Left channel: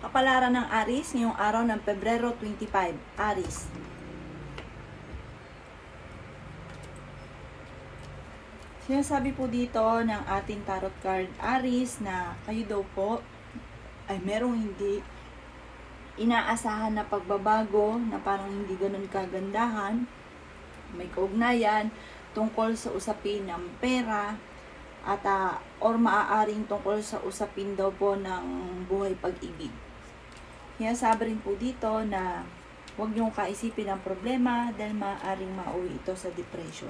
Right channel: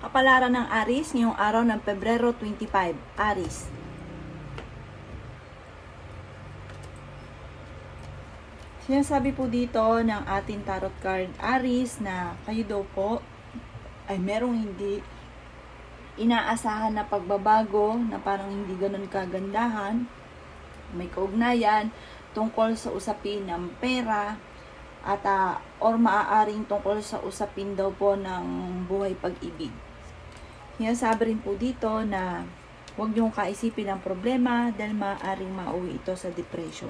Kapalaran ng Aries ngayong araw ng Pebrero 25. Aries. Sinasabi po dito ng ating tarot card Aries na kayo daw po ay merong hindi inaasahan na pagbabago na parang hindi ganun kagandahan. May kaugnayan tungkol sa usapin ng pera at or maaaring tungkol sa usapin daw po ng buhay pag-ibig. Sinasabi rin po dito na huwag niyong kaisipin ang problema dahil maaaring mauwi ito sa depression.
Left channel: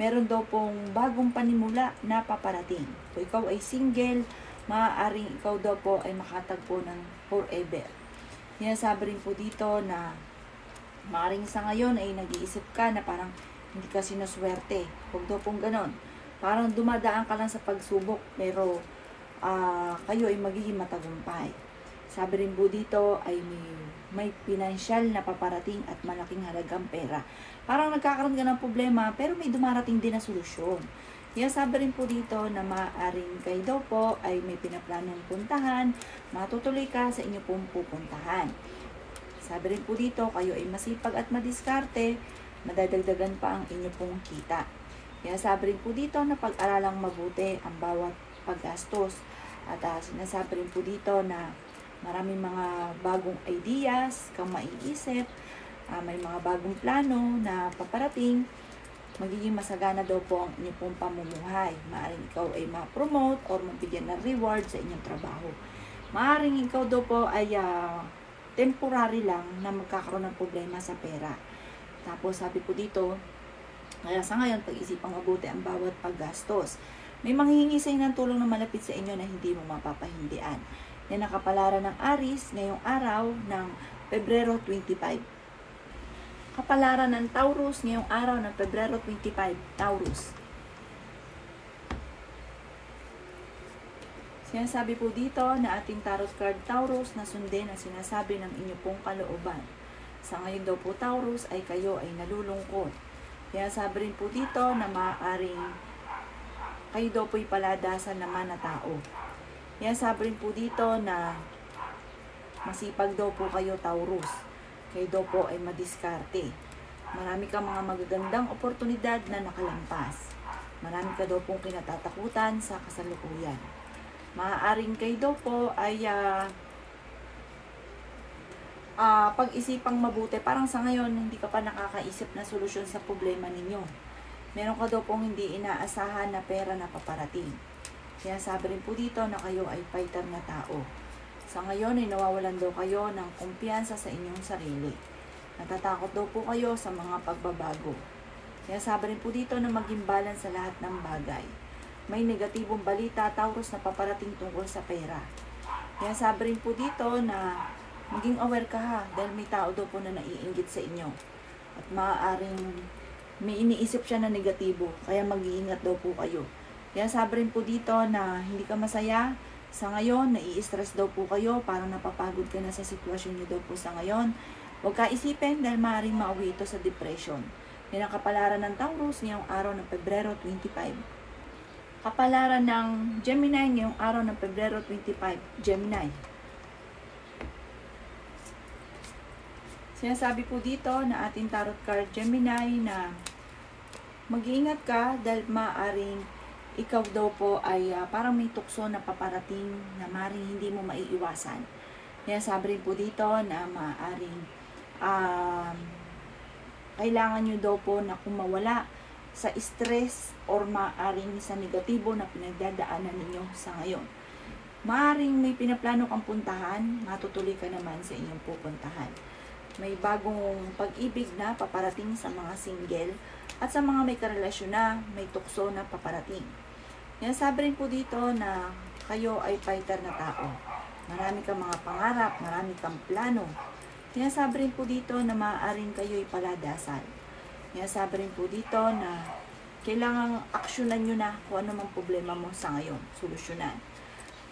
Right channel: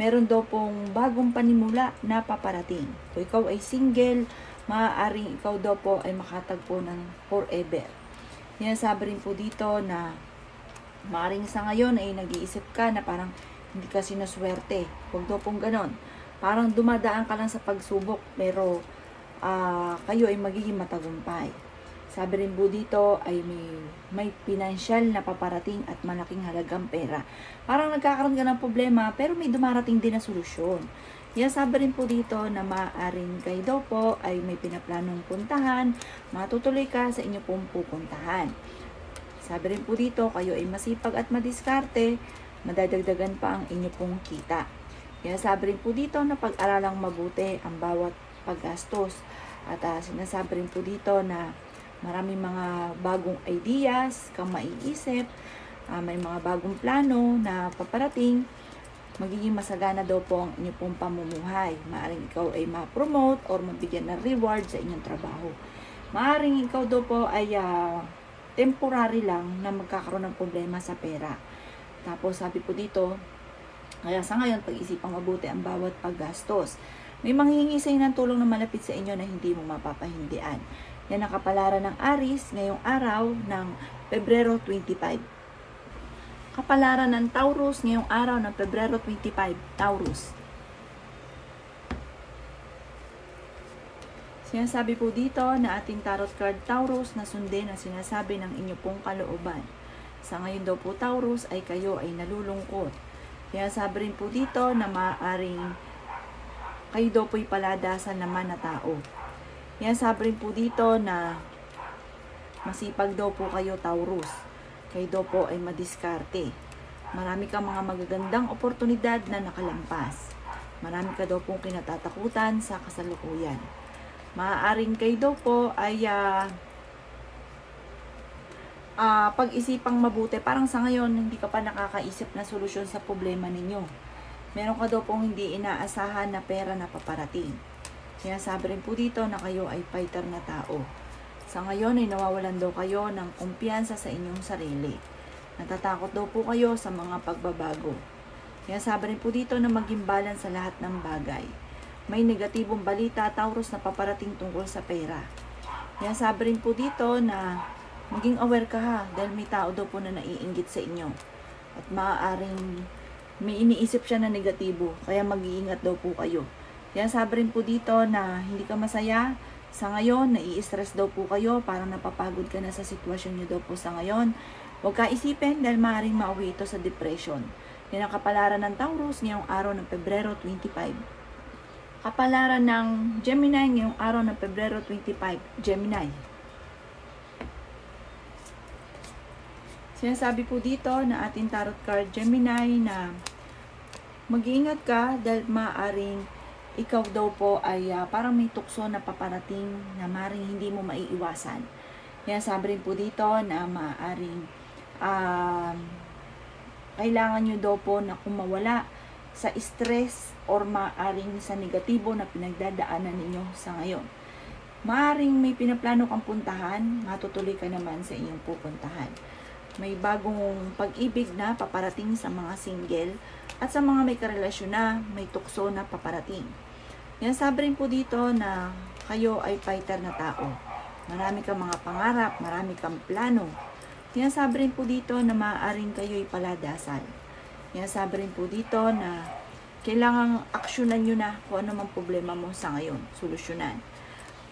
Meron daw pong bagong panimula na paparating. Kung ikaw ay single, maaaring ikaw daw po ay makatagpo ng forever. Sinasabi rin po dito na maaaring sa ngayon ay nag-iisip ka na parang hindi ka sinuswerte. Huwag daw pong ganon. Parang dumadaan ka lang sa pagsubok pero kayo ay magiging matagumpay. Sabi rin po dito ay may financial na paparating at malaking halagang pera. Parang nagkakaroon ka ng problema pero may dumarating din na solusyon. Kaya sabi rin po dito na maaaring kayo daw po ay may pinaplanong puntahan, matutuloy ka sa inyo pong pupuntahan. Sabi rin po dito kayo ay masipag at madiskarte, madadagdagan pa ang inyo pong kita. Kaya sabi rin po dito na pag-aralang mabuti ang bawat paggastos. At sinasabi rin po dito na maraming mga bagong ideas kang maiisip, may mga bagong plano na paparating, magiging masagana daw po ang inyong pong pamumuhay. Maaaring ikaw ay ma-promote or mabigyan ng reward sa inyong trabaho. Maaaring ikaw daw po ay temporary lang na magkakaroon ng problema sa pera. Tapos sabi po dito, kaya sa ngayon, pag-isipang mabuti ang bawat paggastos. May manghihingi sa inyo ng tulong na malapit sa inyo na hindi mo mapapahindian. Yan ang kapalaran ng Aries ngayong araw ng Pebrero 25. Kapalaran ng Taurus ngayong araw ng Pebrero 25. Taurus. Sinasabi po dito na ating tarot card Taurus na sundin ang sinasabi ng inyo pong kalooban. Sa ngayon daw po Taurus ay kayo ay nalulungkot. Kaya sabi rin po dito na maaaring kayo daw po'y paladasan naman na tao. Kaya sabi rin po dito na masipag daw po kayo Taurus. Kayo daw po ay madiskarte. Marami kang mga magagandang oportunidad na nakalampas. Marami ka daw po kinatatakutan sa kasalukuyan. Maaaring kayo daw po ay pag-isipang mabuti. Parang sa ngayon, hindi ka pa nakakaisip na solusyon sa problema ninyo. Meron ka daw pong hindi inaasahan na pera na paparating. Kaya sabi rin po dito na kayo ay fighter na tao. Sa ngayon ay nawawalan daw kayo ng kumpiyansa sa inyong sarili. Natatakot daw po kayo sa mga pagbabago. Kaya sabi rin po dito na maging balance sa lahat ng bagay. May negatibong balita Taurus na paparating tungkol sa pera. Kaya sabi rin po dito na maging aware ka ha, dahil may tao daw po na naiinggit sa inyo. At maaaring may iniisip siya na negatibo, kaya mag-iingat daw po kayo. Kaya sabi rin po dito na hindi ka masaya sa ngayon, nai-stress daw po kayo, parang napapagod ka na sa sitwasyon niyo daw po sa ngayon. Huwag ka isipin dahil maaaring mauwi ito sa depression. Yan ang kapalaran ng Taurus ngayong araw ng Pebrero 25. Kapalaran ng Gemini ngayong araw ng Pebrero 25. Gemini. Sinasabi po dito na ating tarot card Gemini na mag-iingat ka dahil maaaring ikaw daw po ay parang may tukso na paparating na maaaring hindi mo maiiwasan. Kaya sabi rin po dito na maaaring kailangan nyo daw po na kumawala sa stress or maaaring sa negatibo na pinagdadaanan ninyo sa ngayon. Maaaring may pinaplano kang puntahan, matutuloy ka naman sa inyong pupuntahan. May bagong pag-ibig na paparating sa mga single at sa mga may karelasyon na may tukso na paparating. Yan sabi rin po dito na kayo ay fighter na tao. Marami kang mga pangarap, marami kang plano. Yan sabi rin po dito na maaaring kayo ay paladasan. Yan sabi rin po dito na kailangang aksyonan nyo na kung ano mang problema mo sa ngayon, solusyonan.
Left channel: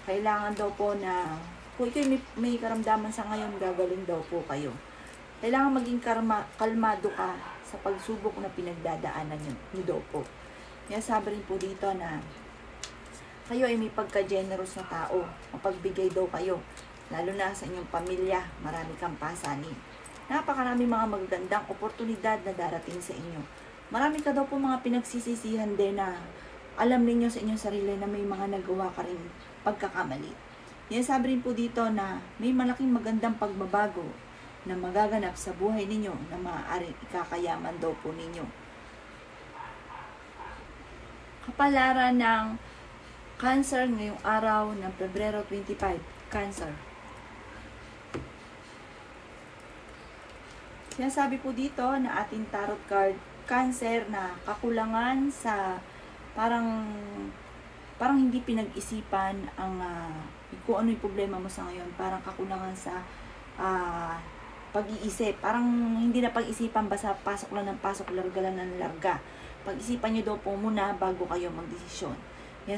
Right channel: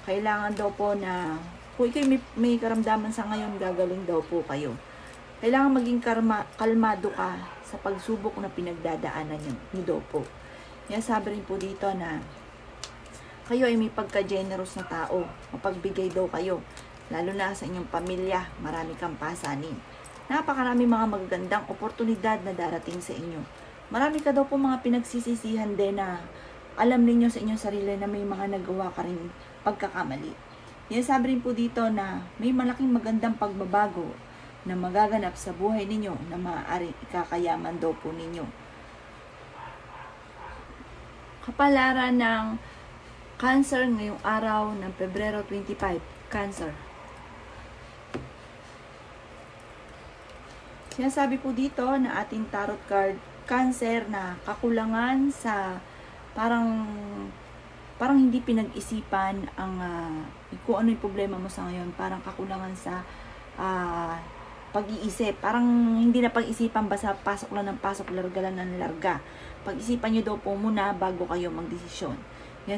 Kailangan daw po na kung kayo may karamdaman sa ngayon, gagaling daw po kayo. Kailangan maging kalmado ka sa pagsubok na pinagdadaanan nyo daw po. Yan sabi rin po dito na kayo ay may pagka-generous na tao. Mapagbigay daw kayo. lalo na sa inyong pamilya, marami kang pasanin. Napakarami mga magagandang oportunidad na darating sa inyo. Marami ka daw po mga pinagsisisihan din na alam ninyo sa inyong sarili na may mga nagawa ka rin pagkakamali. Sinasabi rin po dito na may malaking magandang pagbabago na magaganap sa buhay ninyo na maaaring ikakayaman daw po ninyo. Kapalaran ng Cancer ngayong araw ng Pebrero 25. Cancer. Sinasabi po dito na ating tarot card, Cancer, na kakulangan sa parang hindi pinag-isipan ang kung ano yung problema mo sa ngayon. Parang kakulangan sa pag-iisip. Parang hindi na pag-isipan, basta pasok lang ng pasok, larga lang ng larga. Pag-isipan nyo daw po muna bago kayo magdesisyon.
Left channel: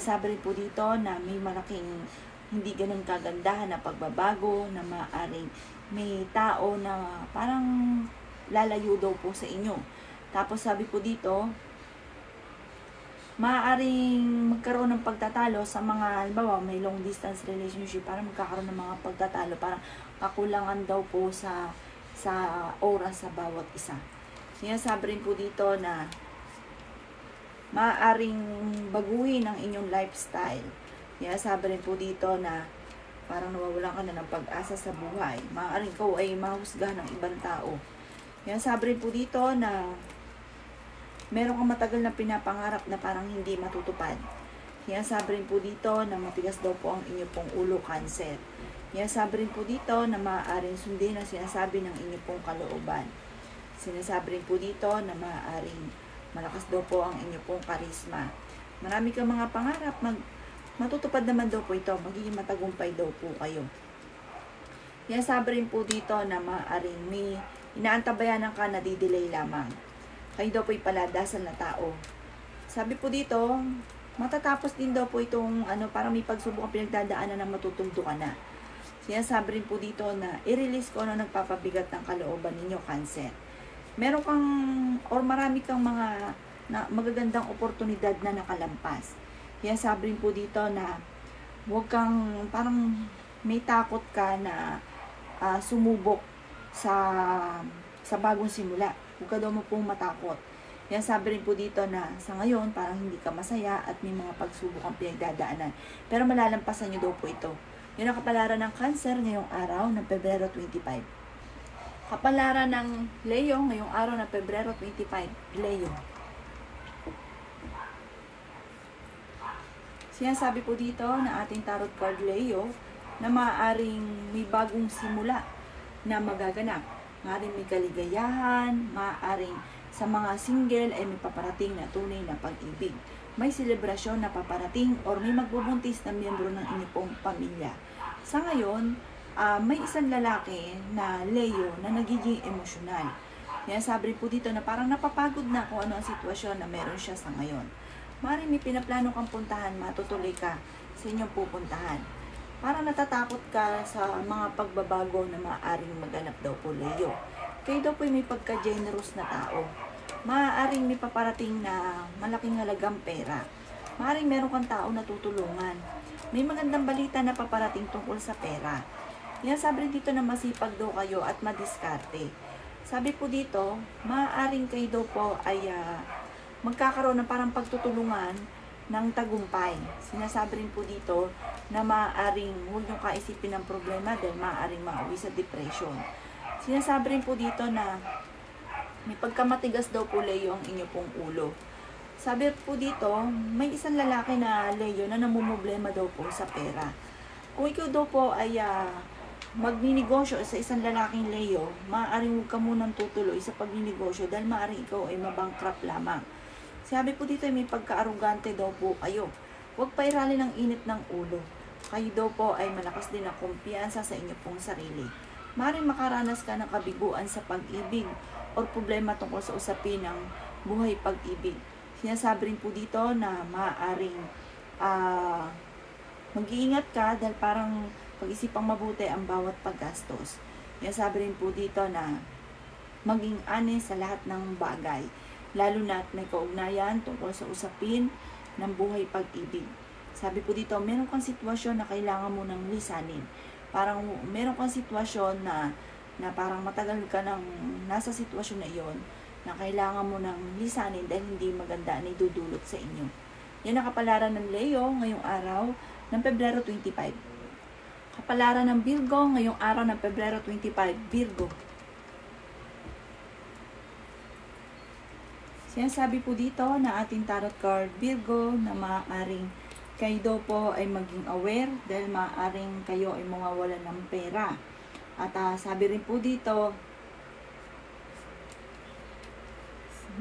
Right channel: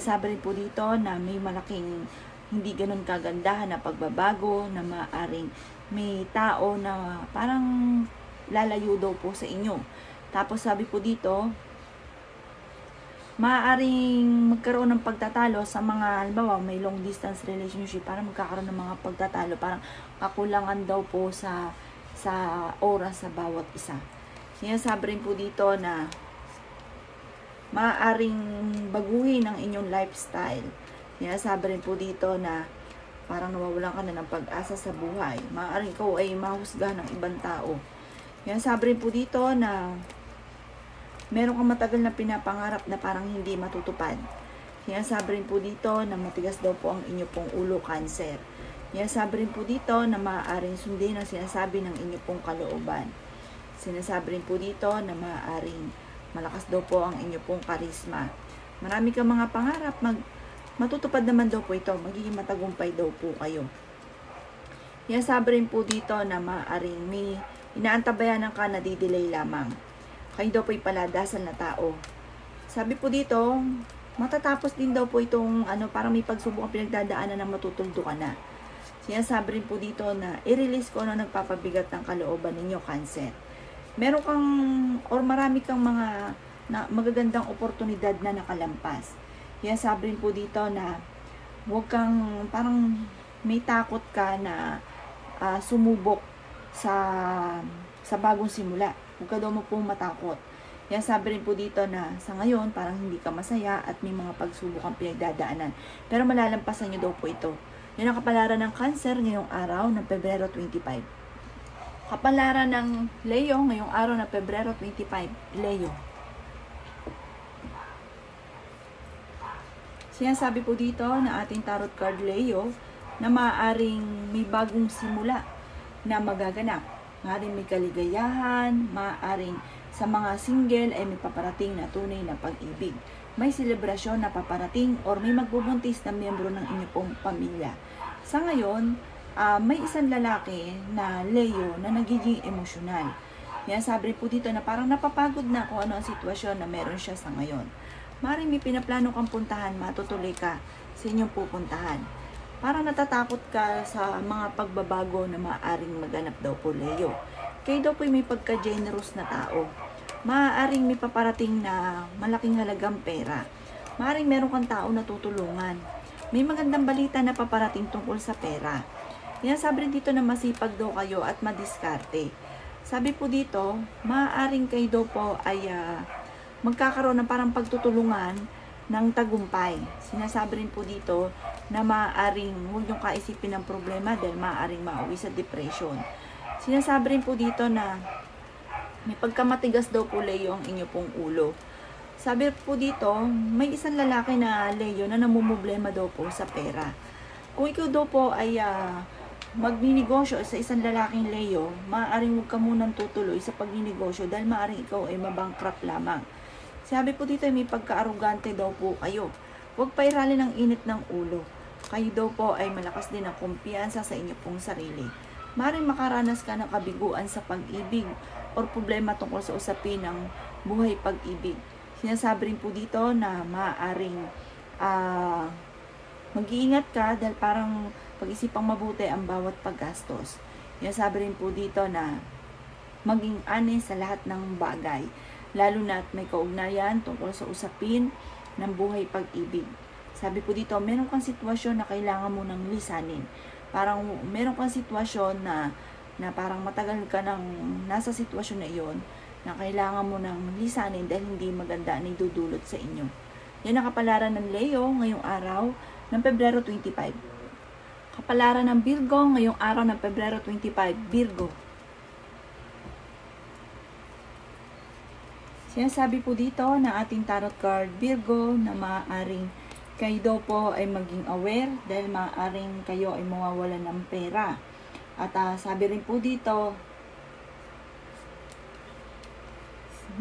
Sabi rin po dito na may malaking hindi ganun kagandahan na pagbabago, na maaaring may tao na parang lalayo daw po sa inyo. Tapos sabi po dito, maaaring magkaroon ng pagtatalo sa mga, halimbawa may long distance relationship, parang magkakaroon ng mga pagtatalo, parang kakulangan daw po sa oras sa bawat isa. Sinasabi rin po dito na maaaring baguhin ang inyong lifestyle. Sabi rin po dito na parang nawawalan ka na ng pag-asa sa buhay. Maaaring ikaw ay mahusga ng ibang tao. Sabi rin po dito na meron kang matagal na pinapangarap na parang hindi matutupad. Sabi rin po dito na matigas daw po ang inyo pong ulo, Cancer. Sabi rin po dito na maaaring sundin ang sinasabi ng inyo pong kalooban. Sinasabi rin po dito na maaaring malakas daw po ang inyo pong karisma. Marami kang mga pangarap, matutupad naman daw po ito. Magiging matagumpay daw po kayo. Sabi rin po dito na maaaring may inaantabayanan ka na didelay lamang. Kayo daw po ipaladasan na tao. Sabi po dito, matatapos din daw po itong parang may pagsubok ang pinagdadaanan na matutuldo ka na. Sinasabi rin po dito na i-release ko ano nagpapabigat ng kalooban ninyo, Cancer. Meron kang or marami kang mga magagandang oportunidad na nakalampas. Sabi rin po dito na huwag kang parang may takot ka na sumubok sa bagong simula. Huwag ka daw mo pong matakot. Sabi rin po dito na sa ngayon parang hindi ka masaya at may mga pagsubok ang pinagdadaanan. Pero malalampasan nyo daw po ito. Yan ang kapalaran ng Cancer ngayong araw ng Pebrero 25. Kapalaran ng Leo ngayong araw ng Pebrero 25. Leo. Sinasabi po dito na ating tarot card Leo na maaaring may bagong simula na magaganap. Maaaring may kaligayahan, maaaring sa mga single ay may paparating na tunay na pag-ibig. May selebrasyon na paparating or may magbubuntis na miyembro ng inyong pong pamilya. Sa ngayon, may isang lalaki na Leo na nagiging emosyonal. Sabi po dito na parang napapagod na kung ano ang sitwasyon na meron siya sa ngayon. Maaaring may pinaplano kang puntahan, matutuloy ka sa inyong pupuntahan. Parang natatakot ka sa mga pagbabago na maaaring maganap daw po, Leo. Kayo daw po may pagka-generous na tao. Maaaring may paparating na malaking halagang pera. Maaaring meron kang tao na tutulungan. May magandang balita na paparating tungkol sa pera. Sabi rin dito na masipag daw kayo at madiskarte. Sabi po dito, maaaring kayo daw po ay magkakaroon ng parang pagtutulungan ng tagumpay. Sinasabi rin po dito na maaaring huwag niyong kaisipin ng problema dahil maaaring mauwi sa depression. Sinasabi rin po dito na may pagkamatigas daw po, Leo, ang inyo pong ulo. Sabi po dito, may isang lalaki na Leo na namumblema daw po sa pera. Kung ikaw daw po ay magninegosyo sa isang lalaking Leo, maaaring huwag ka munang tutuloy sa pagninegosyo dahil maaaring ikaw ay mabankrupt lamang. Sabi po dito ay may pagka-arugante daw po kayo. Huwag pairalin ng init ng ulo. Kayo daw po ay malakas din ang kumpiyansa sa inyo pong sarili. Maaaring makaranas ka ng kabiguan sa pag-ibig o problema tungkol sa usapin ng buhay pag-ibig. Sinasabi rin po dito na maaaring mag-iingat ka dahil parang pag-isipang mabuti ang bawat paggastos. Sabi rin po dito na maging honest sa lahat ng bagay, lalo na at may kaugnayan tungkol sa usapin ng buhay pag-ibig. Sabi po dito, meron kang sitwasyon na kailangan mo nang lisanin. parang meron kang sitwasyon na parang matagal ka nang nasa sitwasyon na iyon, na kailangan mo nang lisanin dahil hindi maganda ang idudulot sa inyo. Yan ang kapalaran ng Leo ngayong araw ng Pebrero 25. Kapalaran ng Virgo ngayong araw ng Pebrero 25. Virgo. Sinasabi po dito na ating tarot card Virgo na maaaring kayo daw po ay maging aware dahil maaaring kayo ay mawawalan ng pera. At sabi rin po dito,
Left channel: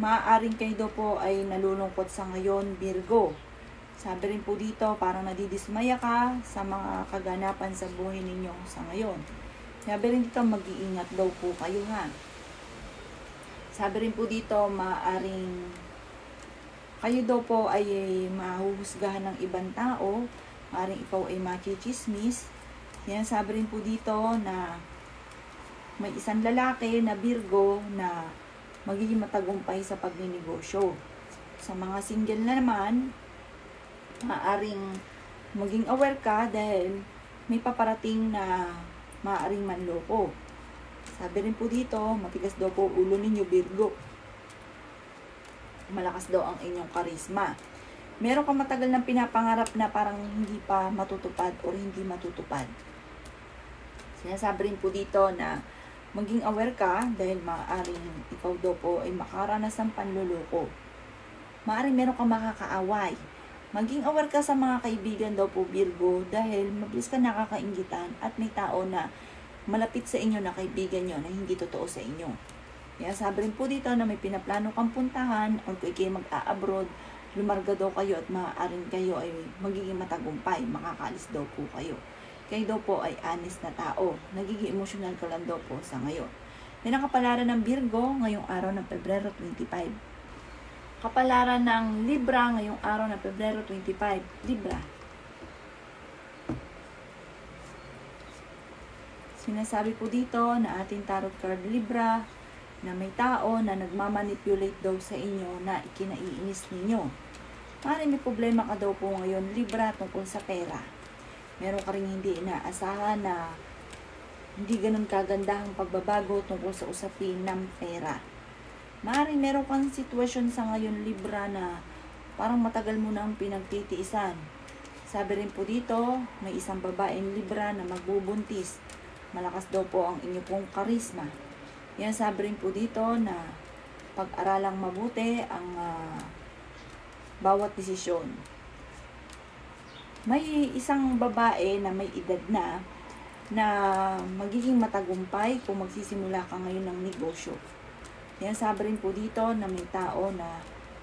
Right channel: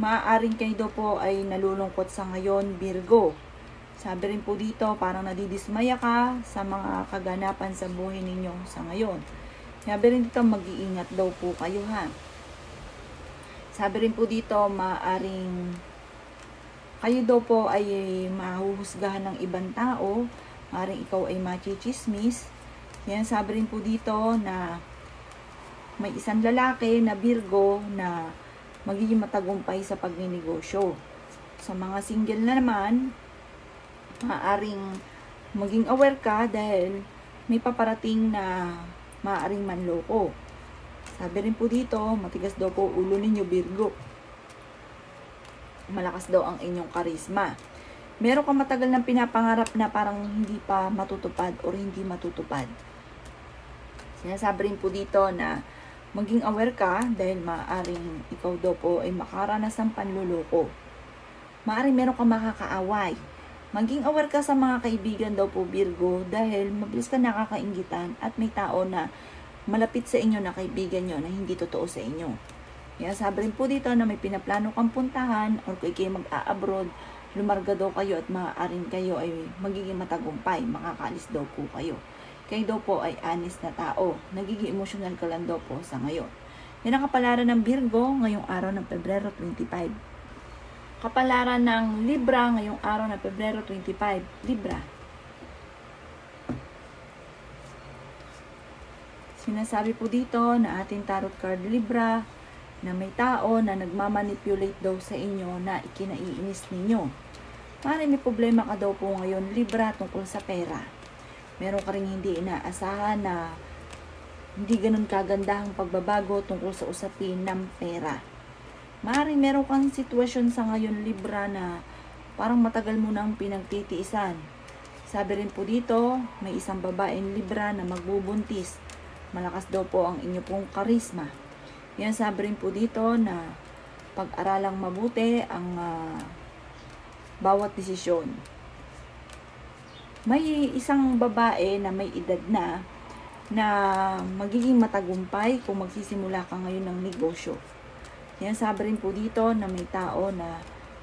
maaaring kayo daw po ay nalulungkot sa ngayon, Virgo. Sabi rin po dito, parang nadidismaya ka sa mga kaganapan sa buhay ninyo sa ngayon. Sabi rin dito, mag-iingat daw po kayo ha. Sabi rin po dito, maaaring kayo daw po ay mahuhusgahan ng ibang tao, maaaring ikaw ay machichismis. Yan, sabi rin po dito na may isang lalaki na Virgo na magiging matagumpay sa pagninegosyo. Sa mga single na naman, maaaring maging aware ka dahil may paparating na maaaring manloko. Sabi rin po dito, matigas daw po ulo ninyo, Virgo. Malakas daw ang inyong karisma. Meron kang matagal ng pinapangarap na parang hindi pa matutupad o hindi matutupad. Sinasabi rin po dito na maging aware ka dahil maaaring ikaw daw po ay makaranas ng panluloko. Maaaring meron kang makakaaway. Maging aware ka sa mga kaibigan daw po, Virgo, dahil mabilis ka nakakainggitan at may tao na malapit sa inyo na kaibigan nyo na hindi totoo sa inyo. Kaya sabi rin po dito na may pinaplano kang puntahan o kung kayo mag-a-abroad, lumarga daw kayo at maaaring kayo ay magiging matagumpay, makakaalis daw po kayo. Kayo daw po ay honest na tao, nagiging emosyonal ka lang daw po sa ngayon. Yan ang kapalaran ng Virgo ngayong araw ng Pebrero 25. Kapalaran ng Libra ngayong araw ng Pebrero 25. Libra. Sinasabi po dito na ating tarot card Libra na may tao na nagmamanipulate daw sa inyo na ikinaiinis ninyo. Maaaring may problema ka daw po ngayon, Libra, tungkol sa pera. Meron ka rin hindi inaasahan na hindi ganun kagandahang pagbabago tungkol sa usapin ng pera. Maaaring meron kang sitwasyon sa ngayon, Libra, na parang matagal mo nang pinagtitiisan. Sabi rin po dito, may isang babaeng Libra na magbubuntis. Malakas daw po ang inyo pong karisma. Yan, sabi rin po dito na pag-aralang mabuti ang bawat desisyon. May isang babae na may edad na magiging matagumpay kung magsisimula ka ngayon ng negosyo. Yan, sabi rin po dito na may tao na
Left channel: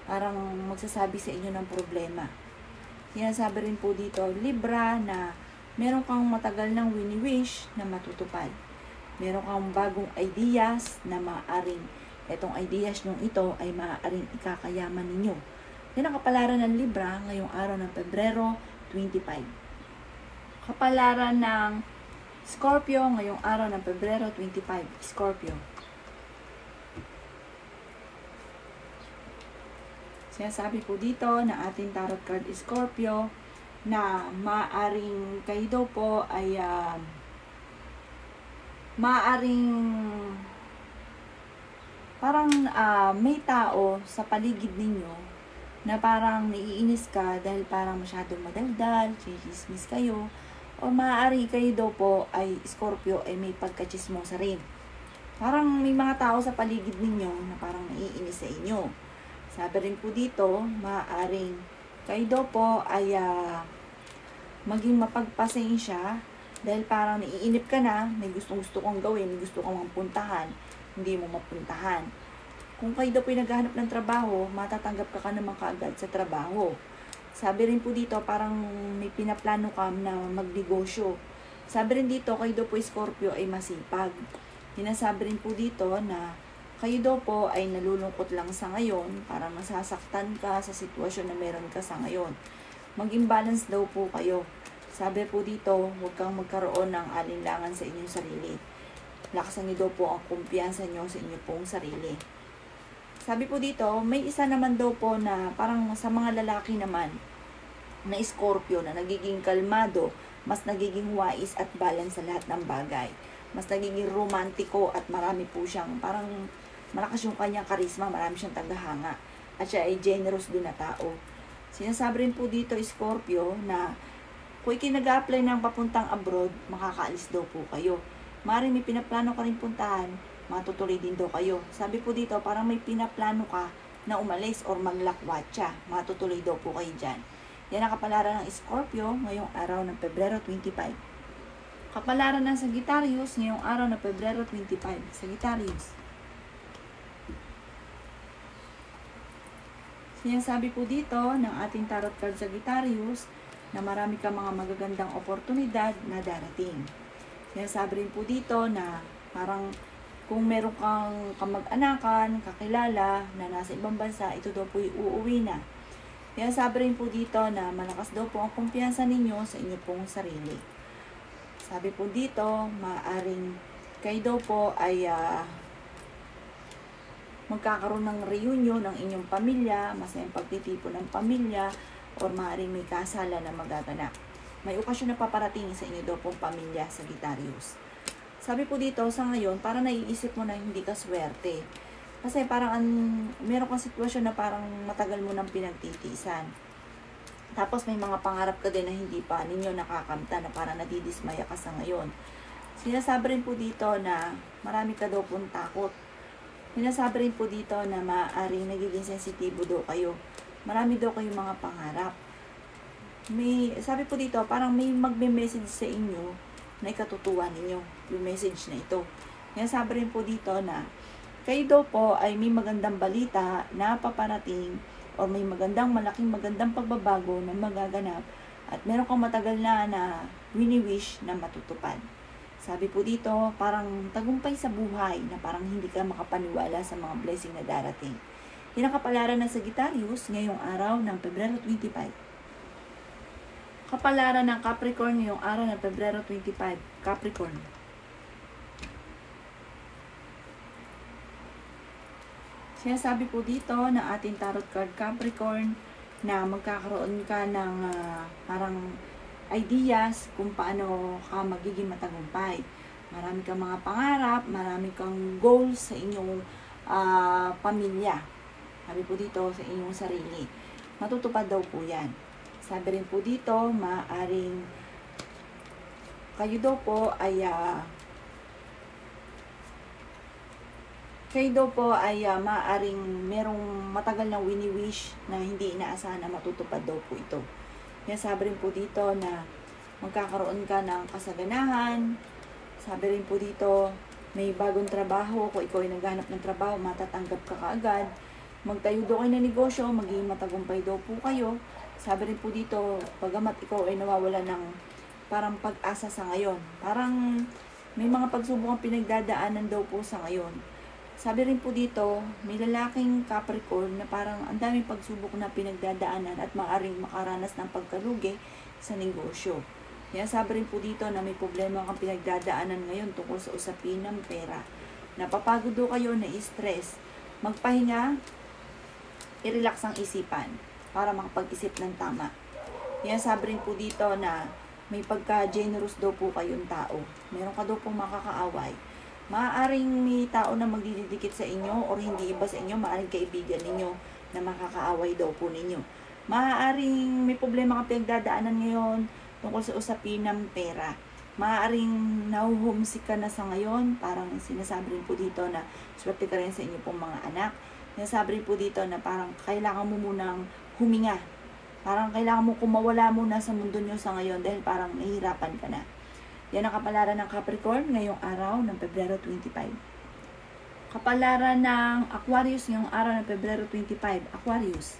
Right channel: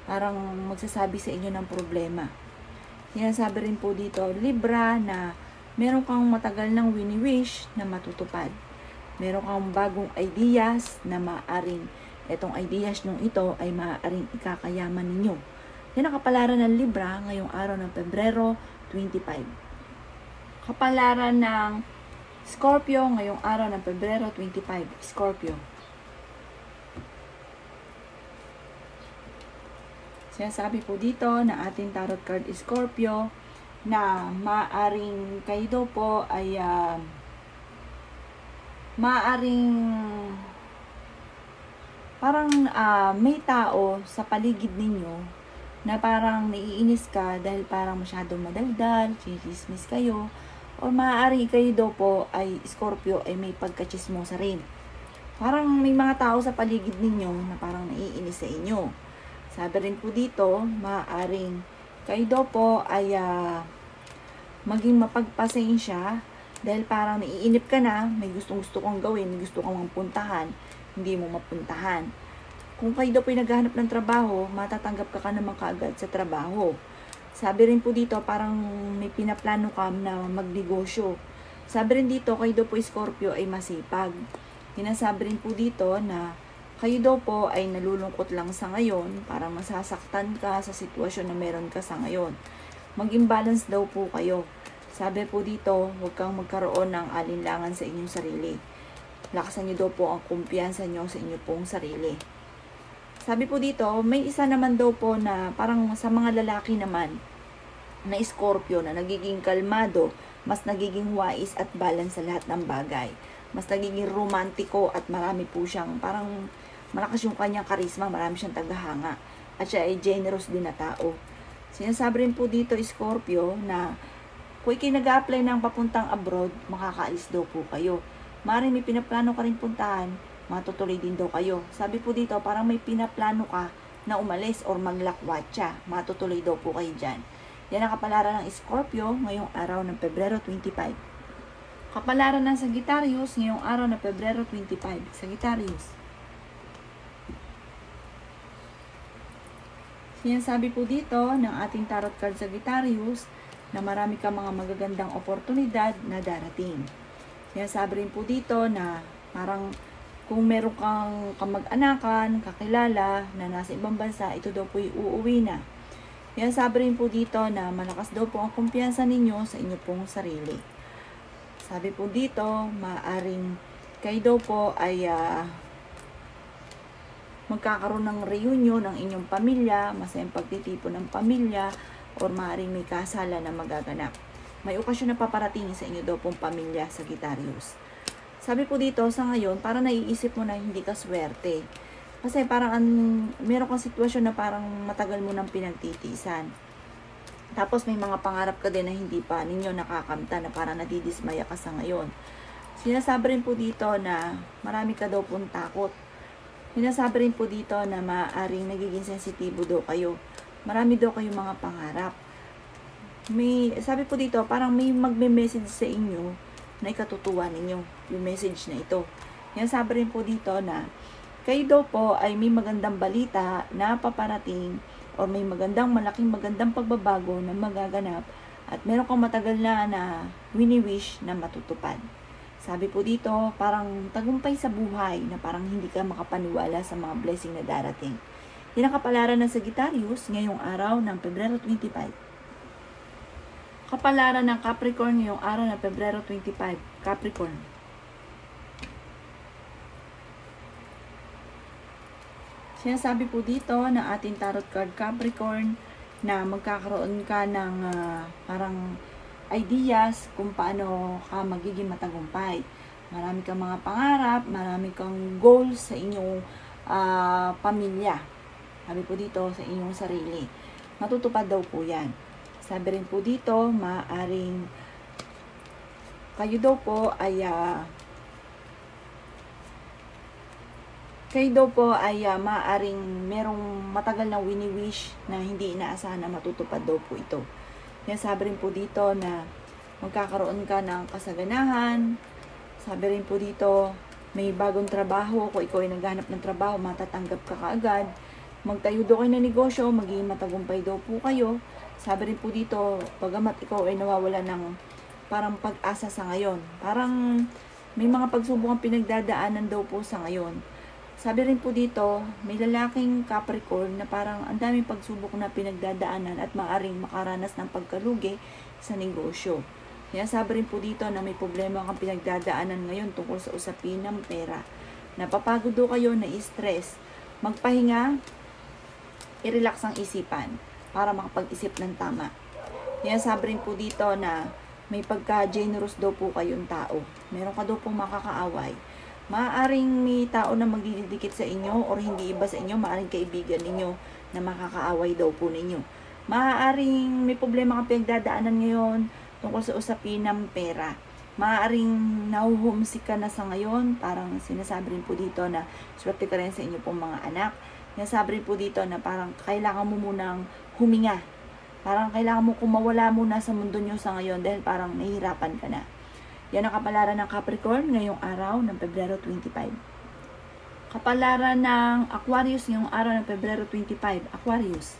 parang magsasabi sa inyo ng problema. Yan, sabi rin po dito, Libra, na meron kang matagal ng wini-wish na matutupad. Meron kang bagong ideas na maaaring itong ideas nyo ito ay maaaring ikakayaman ninyo. Yan ang kapalaran ng Libra ngayong araw ng Pebrero 25. Kapalaran ng Scorpio ngayong araw ng Pebrero 25. Scorpio. Sinasabi po dito na ating tarot card Scorpio na maaaring kayo daw po ay maaaring parang may tao sa paligid ninyo na parang naiinis ka dahil parang masyadong madaldal, chismis kayo, o maaaring kayo daw po ay Scorpio ay may pagkachismosa rin. Parang may mga tao sa paligid ninyo na parang naiinis sa inyo. Sabi rin po dito, maaaring kayo daw po ay maging mapagpasensya dahil parang naiinip ka na, may gusto kong gawin, may gusto kong puntahan, hindi mo mapuntahan. Kung kayo daw po ay naghahanap ng trabaho, matatanggap ka naman kaagad sa trabaho. Sabi rin po dito, parang may pinaplano ka na magnegosyo. Sabi rin dito, kayo daw po Scorpio ay masipag. Sinasabi rin po dito na kayo daw po ay nalulungkot lang sa ngayon, parang masasaktan ka sa sitwasyon na meron ka sa ngayon. Maging balance daw po kayo. Sabi po dito, huwag kang magkaroon ng alinlangan sa inyong sarili. Lakasan nyo daw po ang kumpiyansa nyo sa inyong pong sarili. Sabi po dito, may isa naman daw po na parang sa mga lalaki naman na Scorpio na nagiging kalmado mas nagiging wise at balance sa lahat ng bagay. Mas nagiging romantiko at marami po siyang, parang malakas yung kanyang karisma, marami siyang tagahanga. At siya ay generous din na tao. Sinasabi rin po dito, Scorpio, na kung nag-a-apply ng papuntang abroad, makakaalis daw po kayo. Maaaring may pinaplano ka rin puntahan, matutuloy din daw kayo. Sabi po dito, parang may pinaplano ka na umalis or maglakwatsa, matutuloy daw po kayo dyan. Yan ang kapalaran ng Scorpio ngayong araw ng Pebrero 25. Kapalaran ng Sagittarius ngayong araw ng Pebrero 25. Sagittarius. Sinasabi po dito ng ating tarot card Sagittarius na marami kang mga magagandang oportunidad na darating. Sinasabi rin po dito na parang kung meron kang kamag-anakan, kakilala na nasa ibang bansa, ito daw po uuwi na. Sinasabi rin po dito na malakas daw po ang kumpiyansa ninyo sa inyo pong sarili. Sabi po dito, maaring kayo daw po ay magkakaroon ng reunion ng inyong pamilya, masayang pagtitipon ng pamilya, or maaaring may kasala na magaganap. May okasyon na paparating sa inyo daw pong pamilya, Sagittarius. Sabi po dito, sa ngayon, parang naiisip mo na hindi ka swerte. Kasi parang meron kang sitwasyon na parang matagal mo nang pinagtitiisan. Tapos may mga pangarap ka din na hindi pa ninyo nakakamta, na parang nadidismaya ka sa ngayon. Sinasabi rin po dito na marami ka daw pong takot. Sinasabi rin po dito na maaaring nagiging sensitibo daw kayo. Marami daw kayong mga pangarap. Sabi po dito, parang may magme-message sa inyo na ikatutuwa ninyo yung message na ito. Sinasabi rin po dito na kayo daw po ay may magandang balita na paparating o may malaking magandang pagbabago na magaganap at meron kang matagal na wini-wish na matutupad. Sabi po dito, parang tagumpay sa buhay na parang hindi ka makapaniwala sa mga blessing na darating. Yan ang kapalaran ng Sagittarius ngayong araw ng Pebrero 25. Kapalaran ng Capricorn ngayong araw ng Pebrero 25. Capricorn. Sinasabi po dito ng ating tarot card Capricorn na magkakaroon ka ng parang ideas kung paano ka magiging matagumpay. Marami kang mga pangarap, marami kang goals sa inyong pamilya. Sabi po dito sa inyong sarili. Matutupad daw po yan. Sabi rin po dito, maaaring kayo daw po ay maaaring merong matagal na wini-wish na hindi inaasahan na matutupad daw po ito. Kaya sabi rin po dito na magkakaroon ka ng kasaganahan. Sabi rin po dito, may bagong trabaho. Kung ikaw ay naghanap ng trabaho, matatanggap ka kaagad. Magtayo daw kayo ng negosyo, magiging matagumpay daw po kayo. Sabi rin po dito, pagamat ikaw ay nawawala ng parang pag-asa sa ngayon. Parang may mga pagsubok ang pinagdadaanan daw po sa ngayon. Sabi rin po dito, may lalaking Capricorn na parang ang daming pagsubok na pinagdadaanan at maaaring makaranas ng pagkalugi sa negosyo. Kaya sabi rin po dito na may problema kang pinagdadaanan ngayon tungkol sa usapin ng pera. Napapagod daw kayo, na-stress. Magpahinga, i-relax ang isipan para makapag-isip ng tama. Kaya sabi rin po dito na may pagka-generous daw po kayong tao. Meron ka daw pong makakaaway. Maaaring may tao na magdidikit sa inyo or hindi iba sa inyo, maaaring kaibigan ninyo na makakaaway daw po ninyo. Maaaring may problema kang pinagdadaanan ngayon tungkol sa usapin ng pera. Maaaring nahuhumsik ka na sa ngayon, parang sinasabi rin po dito na swerte ka rin sa inyo pong mga anak. Sinasabi rin po dito na parang kailangan mo munang huminga. Parang kailangan mo kumawala muna sa mundo nyo sa ngayon dahil parang nahihirapan ka na. Yan ang kapalaran ng Capricorn ngayong araw ng Pebrero 25. Kapalaran ng Aquarius ngayong araw ng Pebrero 25. Aquarius.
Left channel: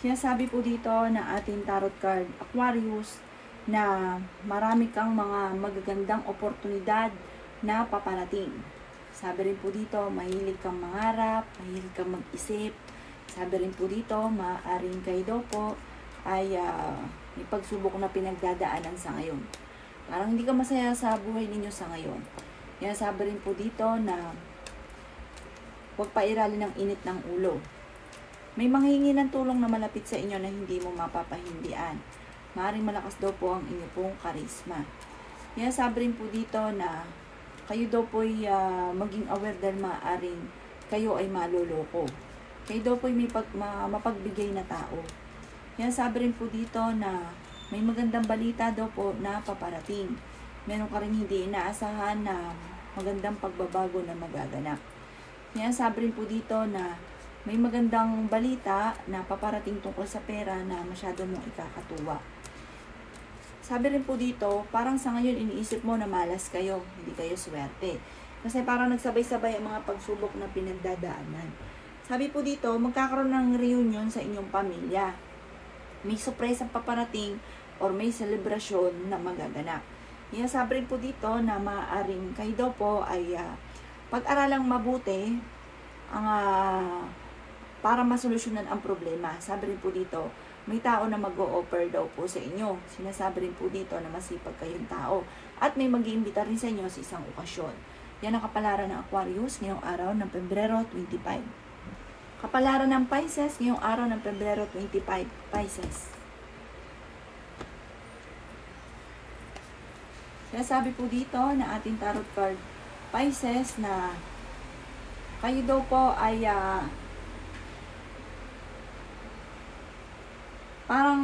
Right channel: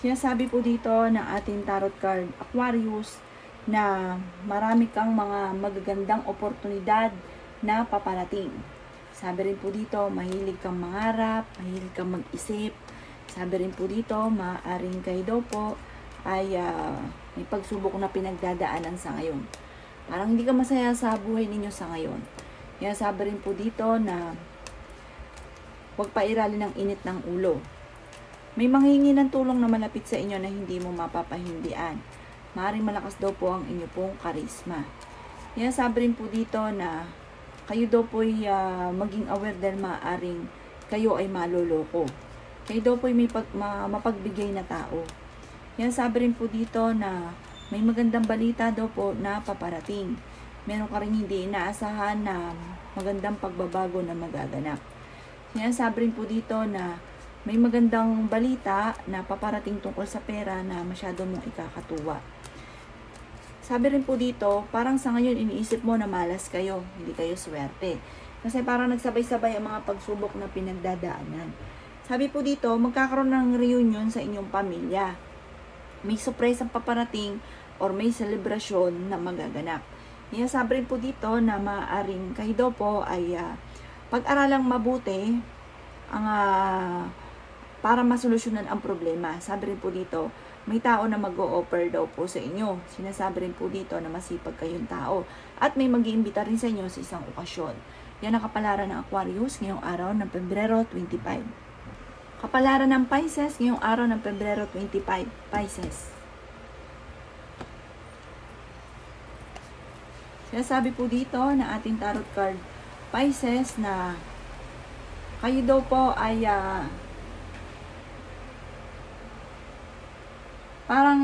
Sinasabi po dito ng ating tarot card Aquarius na marami kang mga magagandang oportunidad na paparating. Sabi rin po dito, mahilig kang mangarap, mahilig kang mag-isip. Sabi rin po dito, maaaring kayo daw po ay may pagsubok na pinagdadaanan sa ngayon. Parang hindi ka masaya sa buhay ninyo sa ngayon. Kaya sabi rin po dito na huwag pairalin ng init ng ulo. May manghingi ng tulong na malapit sa inyo na hindi mo mapapahindian. Maaaring malakas daw po ang inyo pong karisma. Yan, sabi rin po dito na kayo daw po ay maging aware dahil maaaring kayo ay maloloko. Kayo daw po ay may mapagbigay na tao. Yan, sabi rin po dito na may magandang balita daw po na paparating. Meron ka rin hindi inaasahan na magandang pagbabago na magaganap. Yan, sabi rin po dito na may magandang balita na paparating tungkol sa pera na masyado mong ikakatuwa. Sabi rin po dito, parang sa ngayon iniisip mo na malas kayo, hindi kayo swerte. Kasi parang nagsabay-sabay ang mga pagsubok na pinagdadaanan. Sabi po dito, magkakaroon ng reunion sa inyong pamilya. May surprise ang paparating or may selebrasyon na magaganap. Yan, sabi rin po dito na maaaring kayo daw po ay pag-aralang mabuti ang para masolusyonan ang problema. Sabi rin po dito, may tao na mag-o-offer daw po sa inyo. Sinasabi rin po dito na masipag kayong tao. At may mag-iimbita rin sa inyo sa isang okasyon. Yan ang kapalaran ng Aquarius ngayong araw ng Pebrero 25. Kapalaran ng Pisces ngayong araw ng Pebrero 25. Pisces. Kaya sabi po dito ng ating tarot card Pisces na kayo daw po ay parang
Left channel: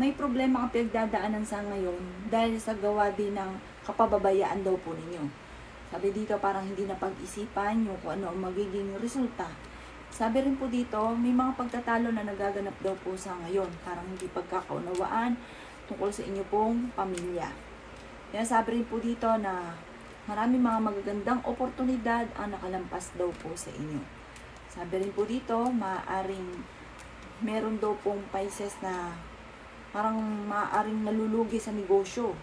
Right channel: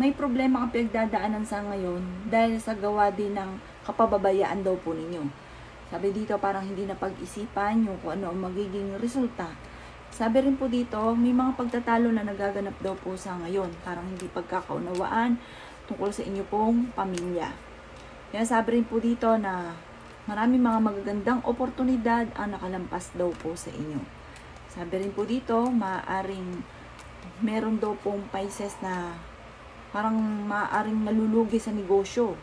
may problema kang pinagdadaanan sa ngayon dahil sa gawa din ng kapababayaan daw po ninyo. Sabi dito parang hindi na pag-isipan yung kung ano ang magiging resulta. Sabi rin po dito may mga pagtatalo na nagaganap daw po sa ngayon. Parang hindi pagkakaunawaan tungkol sa inyo pong pamilya. Kaya sabi rin po dito na maraming mga magagandang oportunidad ang nakalampas daw po sa inyo. Sabi rin po dito maaaring meron daw pong Pisces na parang maaaring nalulugi sa negosyo.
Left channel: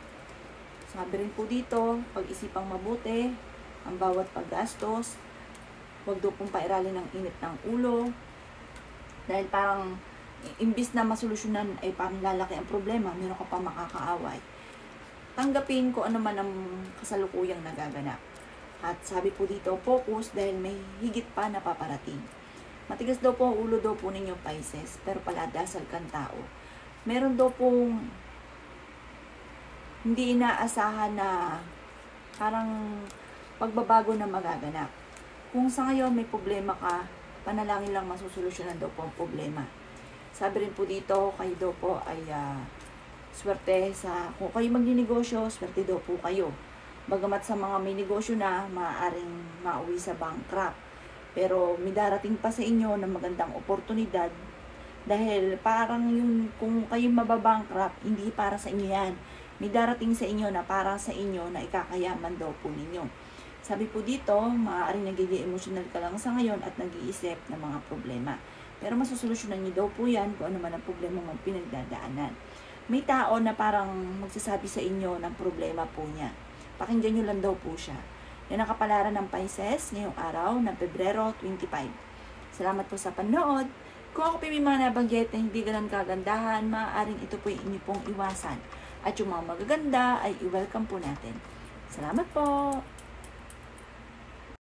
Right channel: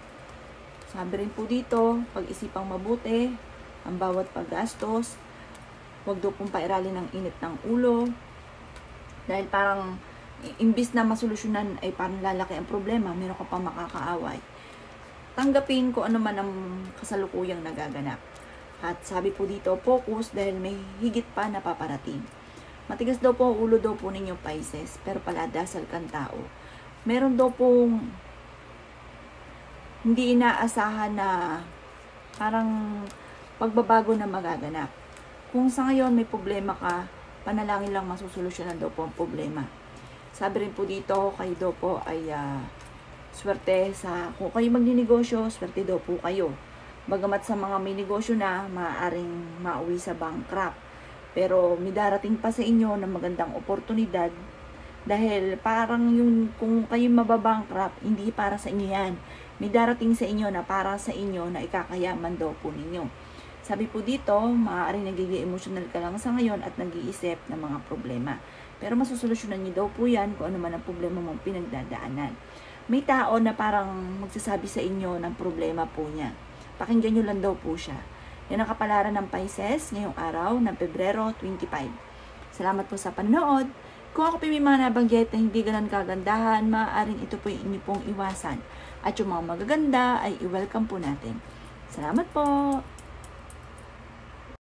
Sabi rin po dito, pag-isipang mabuti ang bawat paggastos. Huwag daw pong pairalin ng init ng ulo. Dahil parang imbis na masolusyonan ay parang lalaki ang problema, meron ka pang makakaaway. Tanggapin ko ano man ang kasalukuyang nagaganap. At sabi po dito, focus dahil may higit pa na paparating. Matigas daw po ang ulo daw po ninyo Pisces, pero paladasal kang tao. Meron daw pong hindi inaasahan na parang pagbabago na magaganap. Kung sa ngayon may problema ka, panalangin lang masusolusyonan daw po ang problema. Sabi rin po dito, kayo daw po ay swerte sa, kung kayo magninegosyo, swerte daw po kayo. Bagamat sa mga may negosyo na, maaaring mauwi sa bankrupt. Pero may darating pa sa inyo na magandang oportunidad dahil parang yun, kung kayo mababankrupt, hindi para sa inyo yan. May darating sa inyo na para sa inyo na ikakayaman daw po ninyo. Sabi po dito, maaaring nagiging emotional ka lang sa ngayon at nag-iisip ng mga problema. Pero masusolusyonan niyo daw po yan kung ano man ang problema mong pinagdadaanan. May tao na parang magsasabi sa inyo ng problema po niya. Pakinggan nyo lang daw po siya. Yan ang kapalaran ng Pisces ngayong araw ng Pebrero 25. Salamat po sa panonood. Kung ako po may mga nabanggit na hindi ganun kagandahan, maaaring ito po yung inyo pong iwasan. At yung mga magaganda ay i-welcome po natin. Salamat po!